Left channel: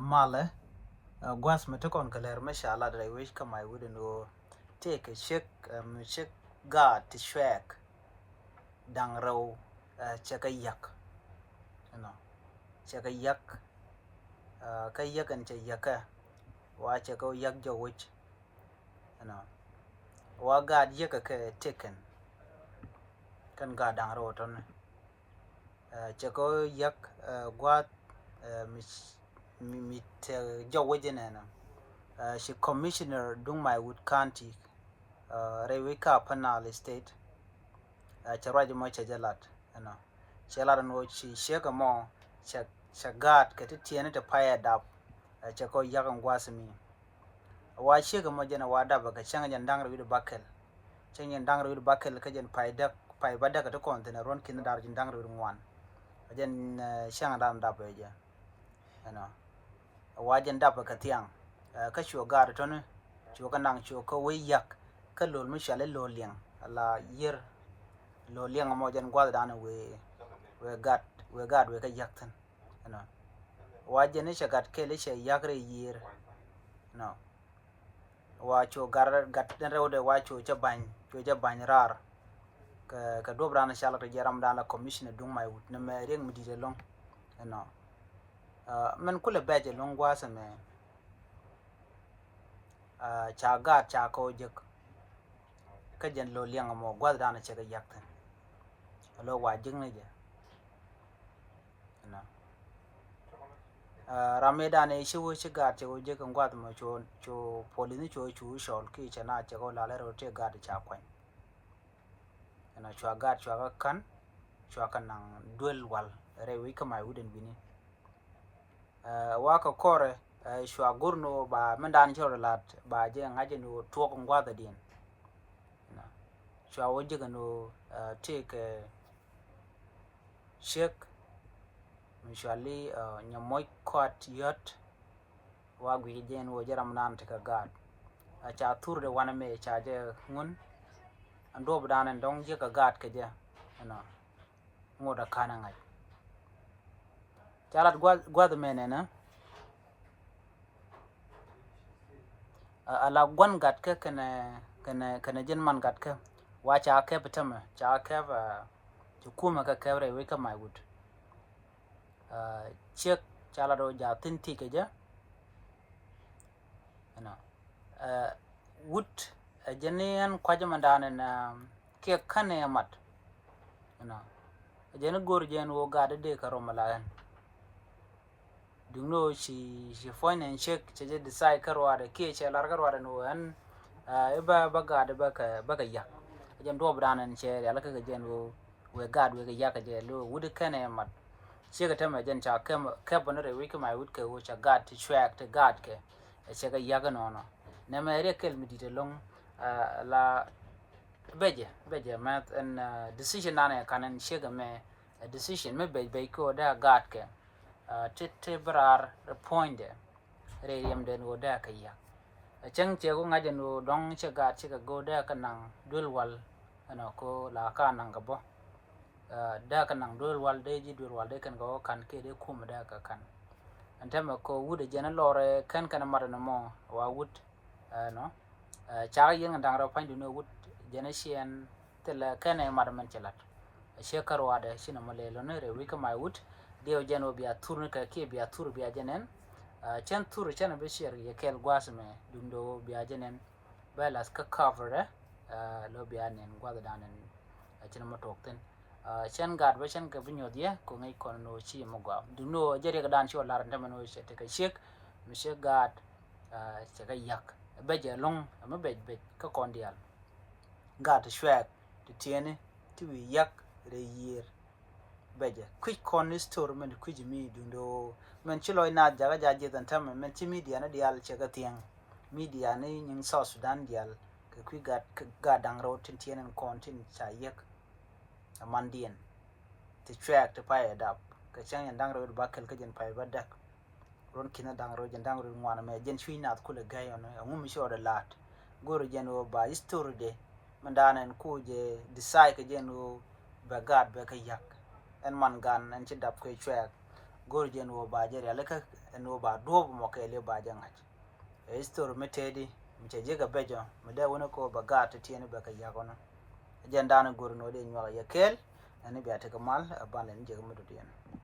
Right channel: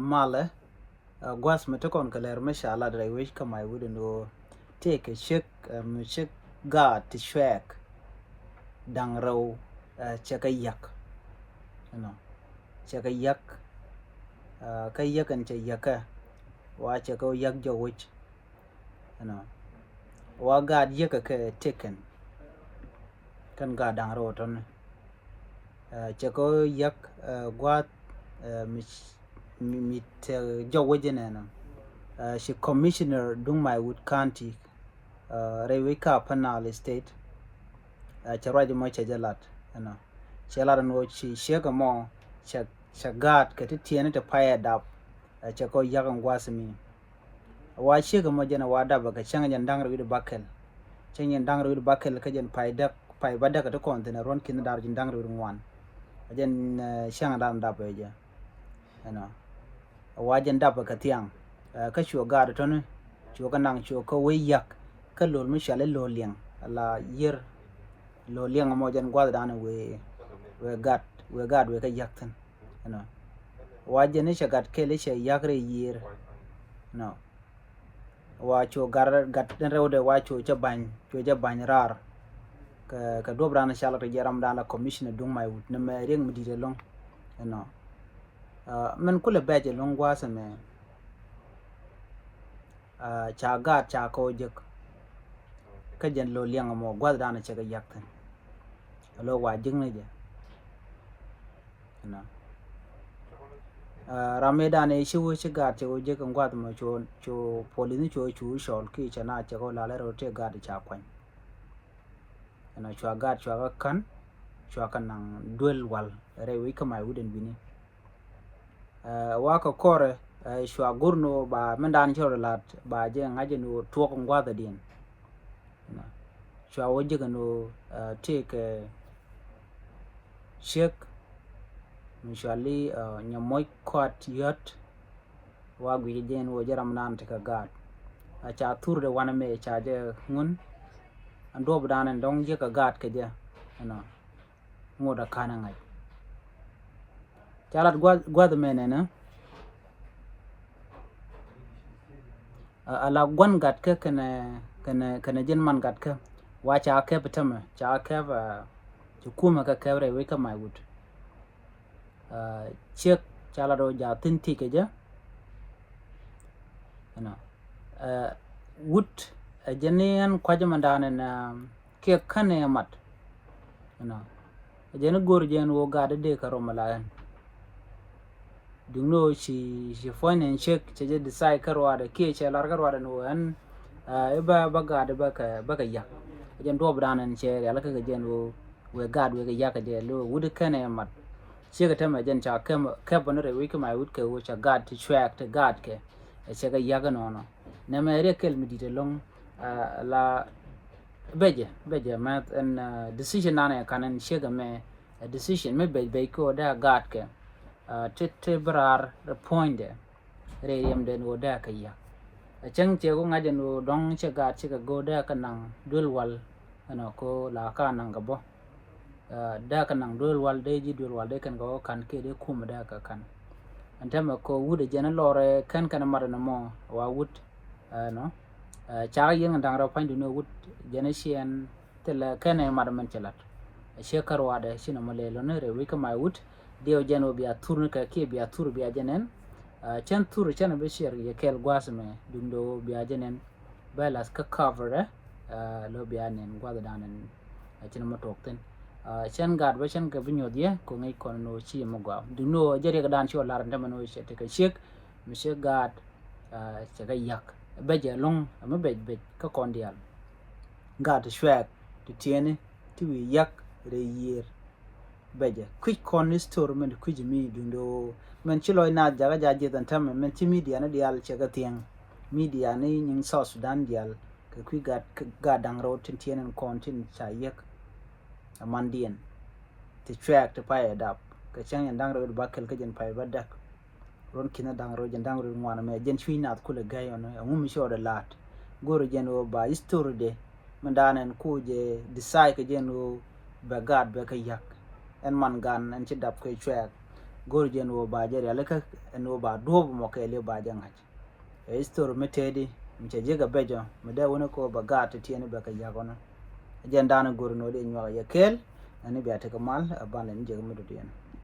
male gwas metokon kaler meshala drai wish kama I wouldn't know take a check God to shwek dang row check a yak you know check a yak kayak and che yaka watch a go yak jo which you know wa God yaka ke taken kan God dang row ton chako yak gwat mit jo wejene she commissioner Dungmai County Rewika Panal State charaji mo chajalat you know shelara no she shega mo shagat kati tiene te paya dap chako yagan gwasmi wa shega mo jena wada baga changa jandang ru bakel changa jandang ru bakel ka jen payda pay bada ka to kontena ron kin dar jandang ru ngwan jen shanga dam dap eja you know wa jen dap ka tiang ka shu gar to ne chu ka nang chu ko we yak ka lol mi shale lol liang la yer lo liang mo jan gwa dana we gat we ka yaktan you know wa jene shagat kele she yakre yer no wa cho gar gat den rewde wa cho ja ban rar ka dobra na shala to jaram dana commissioner Dungmai wut ne me reng mi de long you know men kula baje long gwa sa me cha gat cha ko jek ka jan lo liang mo gwa dana che ga yaktan lo wa jing ne je no rameda ne shiwo shiga te oje kan gwat mo cho polini cho shol ki chana che ko la le rote ga de cha kwan na cho ga kan nang duel wal re wi kama wuden bini wa ka kore shwa gurno ba mendan cho lat ba je ngaje no to ko gwat din na shwa oje kan no take shek Mishali nyamoy kwat yot wa gwi jen wo jaram nan te ka gad a cha tur de wana me cha je ngun ando bdan ndong je ka gad ke je na ngoda kana ngai chalat gwa de mene na ala gwan gad ke kana jen man gad ke wa cha ke betama cha ke ba kuma ka kevre we ka mai wut chiếc chala do ja tin ti ke ja na wood jenian kwaje mandane na ke kane mat na jeni gor jen wo gade de ka romalayan dungno shi foinen check che decide karwa de ke che lar karwa de no an ba gade ba ka yak jen do branan che ya la ka jen wo we gad we yak je lo wood kane mat Siga tema jen cha kem bonere wiki mai wut ke wo cha gad to track to gad ke siga yaga no ne mere kel mi dite long la beje mat and decision nane kanen siga me a decision me be ko da gad ke tete brar the point re yem den wo da ka ya chang che ko ngaje no dong cha gad siga go da kanang dul wal ano ko la ka nang ga bo da kan nang dol wal de ji dol wal de kan go kan ke de kum da ka kan antama ko wude jena lore kan mar na mo wa wud no cha yin dang ra pan du no wud jena shen tela kan mar man chelat shekar wa da shina male lo ne re wi ka mai wud de o jeno biya tur ka ke biya tur biya jenen chen tur chen be sher ye kel gwas me dundo biya jenen balas ka cover lo biya nen gwa da danen chen mo tokten chen gad ba chen ka vinyo dia ko ngai kon no chi mo gwa du no jere ga dan cho lar ndama no che te ka shek mi she gad che ga yak be je long ma be ka kon dial gad shwek ti tiene ti wi yak re yer be je quick kon ni store men ku ji mi du no men chi loy na jaga jaje tan tam men chi media na dial che ga tieng media ni ning South Sudan dial ka ku gad dang ro tin tiene kon tin cha yak mandien to track to pay adap ka chang yan dang ro bakel ka jen pay badak ron kina dang ro jen dang ro ngwana me jen chwina kula gayon ngum sho de lat goro jen o ba history de mandanen ku je decide ka jen o ba gad ba ka yak en man gan en ci dap ka track gor je no ba je ya laka no ba do mo ke le ba jan haj e store metedi mche je ga bejo me da wona ko ba ga ta tiene ba ka ya kono jen dana gor no de nywa ya kel ani biya ta kamal ban ne je mu do